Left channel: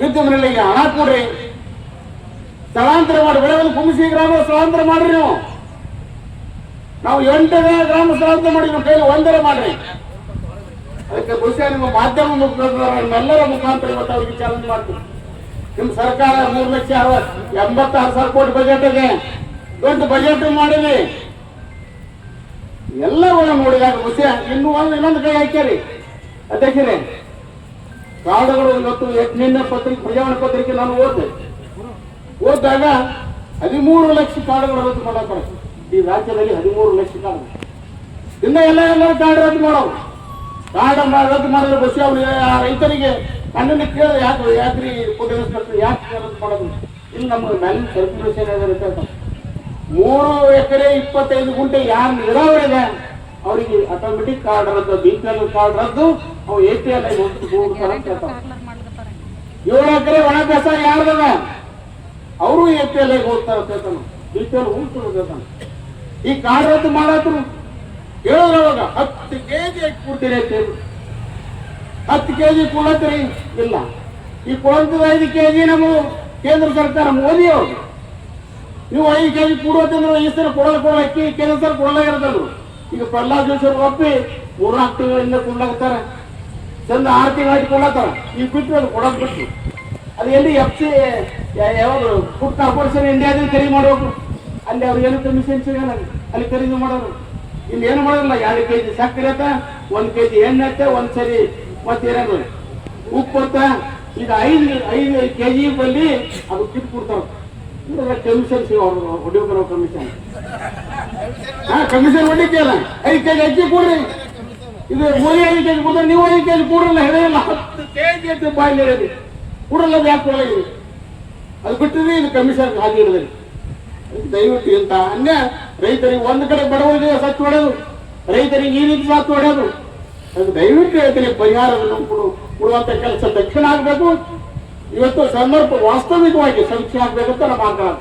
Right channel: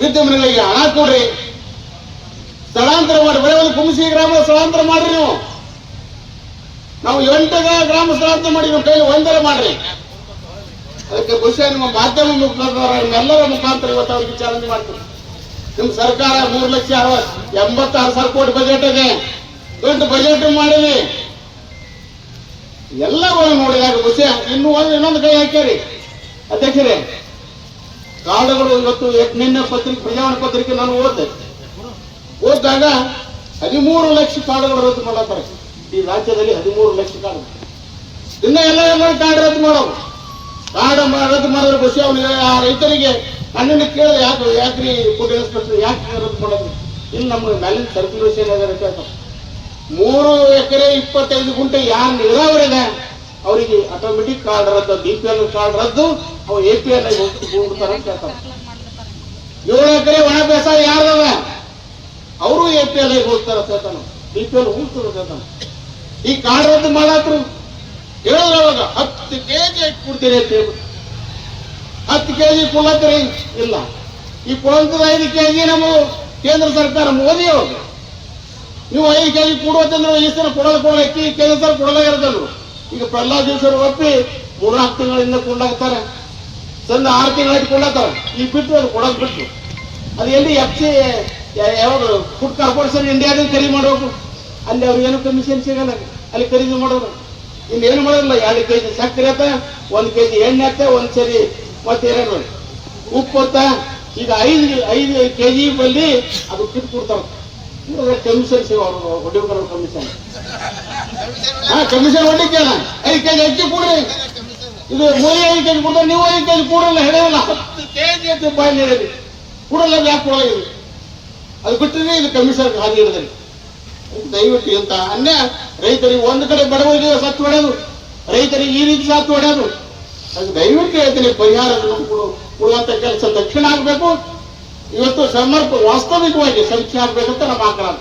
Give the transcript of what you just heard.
ಬಿದ್ದ ಮನೆಗಳಿಗೆ ಹಣ ಕೊಡ್ರಿ. ಸ್ಥಳಾಂತರ ಮಾಡಿ, ಬರೀ ಒಂದು ಕುಂಬಿಸಿ ಗ್ರಾಮ ಸ್ಥಳಾಂತರ ಮಾಡ್ರಿ ನೀವು. ನಾವು ಎಂಟು ಗ್ರಾಮ ಸ್ಥಳಾಂತರ ಮಾಡಿ ನಮ್ಮ ಕೈಲಿ ಒಂದರ ಮಾಡ್ರಿ. ಅದಕ್ಕೆ ಬಹುಶಃ ನಿಮ್ಮ ಮಾಧ್ಯಮ ಮುಖಾಂತರ ನಮ್ಮೆಲ್ಲರ ಮುಖಾಂತರ ಇವತ್ತು ಅವ್ರಿಗೆ ಚಾಲೆಂಜ್ ಮಾಡ್ತೀವಿ. ನಿಮ್ಮ ಸರ್ಕಾರ ಮೂರು ಲಕ್ಷ ಅರವತ್ತು ಎಂಬತ್ತಾರು ಸಾವಿರ ಕೋಟಿ ಬಜೆಟ್ ಇದೆ. ದೊಡ್ಡ ಬಜೆಟ್ ಮಾಡಿರಿ. ಎಲ್ಲರೂ ನೋಡಿದಾಗ ಬಹುಶಃ ಇನ್ನೂ ಒಂದು ಇನ್ನೊಂದು ಕೈ ಹಾಕ್ಯಾರಿ. ಅಧ್ಯಕ್ಷರೇ ಕಾಡುಗಳು ಇವತ್ತು ನಿನ್ನೆ ಪತ್ರಿಕೆ ಪ್ರಜಾವಣ ಪತ್ರಿಕೆ ನಾನು ಓದಿದೆ. ಓದಿದಾಗ ಹದಿಮೂರು ಲಕ್ಷ ಕಾಡುಗಳು ರದ್ದು ಮಾಡತ್ತಾರೆ ಈ ರಾಜ್ಯದಲ್ಲಿ ಹದಿಮೂರು ಲಕ್ಷ ಕಾಡು ಇನ್ನ ಎಲ್ಲ ಎಲ್ಲ ಕಾಡು ರದ್ದು ಮಾಡೋರು. ಕಾಡು ರದ್ದು ಮಾಡಿದ್ರೆ ಬಸ್ ಅವನಿಗೆ ಆ ರೈತರಿಗೆ ಕಣ್ಣಿನ ಕೇಳಿದ್ರೆ ಯಾಕೆ ಯಾಕ್ರಿ ಫುಡ್ ಇನ್ಸ್ಪೆಕ್ಟರ್ ಯಾಕೆ ರದ್ದು ಮಾಡೋದು? ಇನ್ನು ನಮ್ಮ ಮೇಲಿನ ಸರ್ಕ್ಯುಲೇಷನ್ ಏನಾದ್ರೆ ಕೇಳ್ತಾರೆ. ಮೂರು ಎಕರೆ ಇಪ್ಪತ್ತೈದು ಗುಂಟೆ ಯಾರು ನೀರಾವರಿ ಇದೆ? ಅವರಿಗೆ ಆಟೋಮೆಟಿಕ್ ಕಾರ್ಡ್ ರದ್ದು ಬಿ ಪಿ ಎಲ್ ಕಾರ್ಡ್ ರದ್ದು, ಅವು ಎ ಪಿ ಎಲ್ ಏಳು ಎಕರೆ ಒಣ ಕೆಲಸ ಯಾರದ ಅವರು ಎ ಪಿ ಎಲ್ ಹೋಗ್ತಾರ ಹೇಳ್ತಾನೆ ಬಿ ಪಿ ಎಲ್ ಹೋಗ್ತಾರ ಈ ಕಾರ್ಡ್ ರದ್ದು ಮಾಡಾಕ್ರು. ಹೇಳಿದ್ರೆ ಅವಾಗ ಹತ್ತು ಕೆಜಿ ಹಾಕಿ ಕೊಡ್ತೀರಿ ಅಂತ ಹೇಳಿ. ಹತ್ತು ಕೆಜಿ ಕೊಡತ್ರಿ ಇಲ್ಲ. ಈ ಕೊಡಂತದ ಐದು ಕೆಜಿ ನಮ್ಮ ಕೇಂದ್ರ ಸರ್ಕಾರ ಮೋದಿ ಅವರು ನೀವು ಐದು ಕೆಜಿ ಪೂರ್ವ ಈ ಸಲ ಕೊಡೋದು ಕೊಡೋ ಕೇಂದ್ರ ಸರ್ಕಾರ ಕೊಡಲೇ ಇರ್ತದ್ರು ಈಗ ಪ್ರಹ್ಲಾದ್ ದಿವಸ ಒಪ್ಪಿ ಮೂರ್ನಾಲ್ಕು ತಿಂಗಳಿಂದ ಕೊಂಡಾಗ್ತಾರೆ. ಚಂದ ಆರು ತಿಂಗಳಾಯ್ತು ಕೊಂಡಾಗ್ತಾರೆ. ಈಗ ಬಿಟ್ಟು ಅದು ಕೊಡಕ್ ಬಿಟ್ಟು. ಅದು ಎಲ್ಲಿ ಎಫ್ ಸಿ ಯಾವ್ದು ಫುಡ್ ಕಾರ್ಪೊರೇಷನ್ ಇಂಡಿಯಾದಲ್ಲಿ ಖರೀದಿ ಮಾಡೋರು ಅಲ್ಲಿ ಅವ್ರಿಗೇನು ಕಮಿಷನ್ ಸಿಗಲ್ಲ. ಅಲ್ಲಿ ಖರೀದಿ ಮಾಡೋರು. ಇಲ್ಲಿ ಏನು ಮಾಡೋಲ್ಲ ಎರಡು ಕೆ ಜಿ ಸಕ್ಕರೆ ಆತ ಒಂದು ಕೆ ಜಿ ಎಣ್ಣೆ ಆತ ಒಂದು ಸರಿ ಮತ್ತೇನು ಉಪ್ಪು ಆತ ಈಗ ಐದು ಐದು ಕೆ ಜಿ ಅದು ಕಿಟ್ ಕೊಡ್ತಾರೆ ಕಮಿಷನ್ ಹೊಡಿಬೇಕಾರ ಕಮಿಷನ್ ಹಾ ಕಮಿಷನ್ ಹೊಡಿಕೆ ಅಲ್ಲ ಐದು ಕೆಜಿ ಅಕ್ಕಿ ಕೊಡ್ರಿ. ಇದು ಮೋದಿ ಐದು ಕೆಜಿ ಕೊಡ್ರಿ, ನೀವು ಐದು ಕೆಜಿ ಕೊಡಲ್ಲ ಹೇಳಿಲ್ಲ ಹತ್ತು ಕೆಜಿ ಅಂತ ಬಾಯಿ ಹೇಳಿ ಕೊಡಲ್ಲ ಅದು ಅದು ಬಿಟ್ಟಿದ್ರೆ ಇದು ಕಮಿಷನ್ ಹಾಗೆ ದಯವಿಟ್ಟು ಇಂತ ಅನ್ಯ ರೈತರಿಗೆ ಒಂದು ಕಡೆ ಬಡವರಿಗೆ ಸತ್ತು ಹೊಡೆಯೋದು ರೈತರಿಗೆ ಈ ರೀತಿ ಸತ್ತು ಹೊಡೆಯೋದು ಅದು ದಯವಿಟ್ಟು ಹೇಳ್ತೀನಿ ಪರಿಹಾರ ಕೊಡು, ಕೊಡುವಂತ ಕೆಲಸ ದಕ್ಷಿಣ ಆಗ್ಬೇಕು. ಇವತ್ತು ಸಮರ್ಪ ವಾಸ್ತವಿಕವಾಗಿ ಆಗ್ಬೇಕಂತ ನಮ್ಮ ಆಗ್ರಹ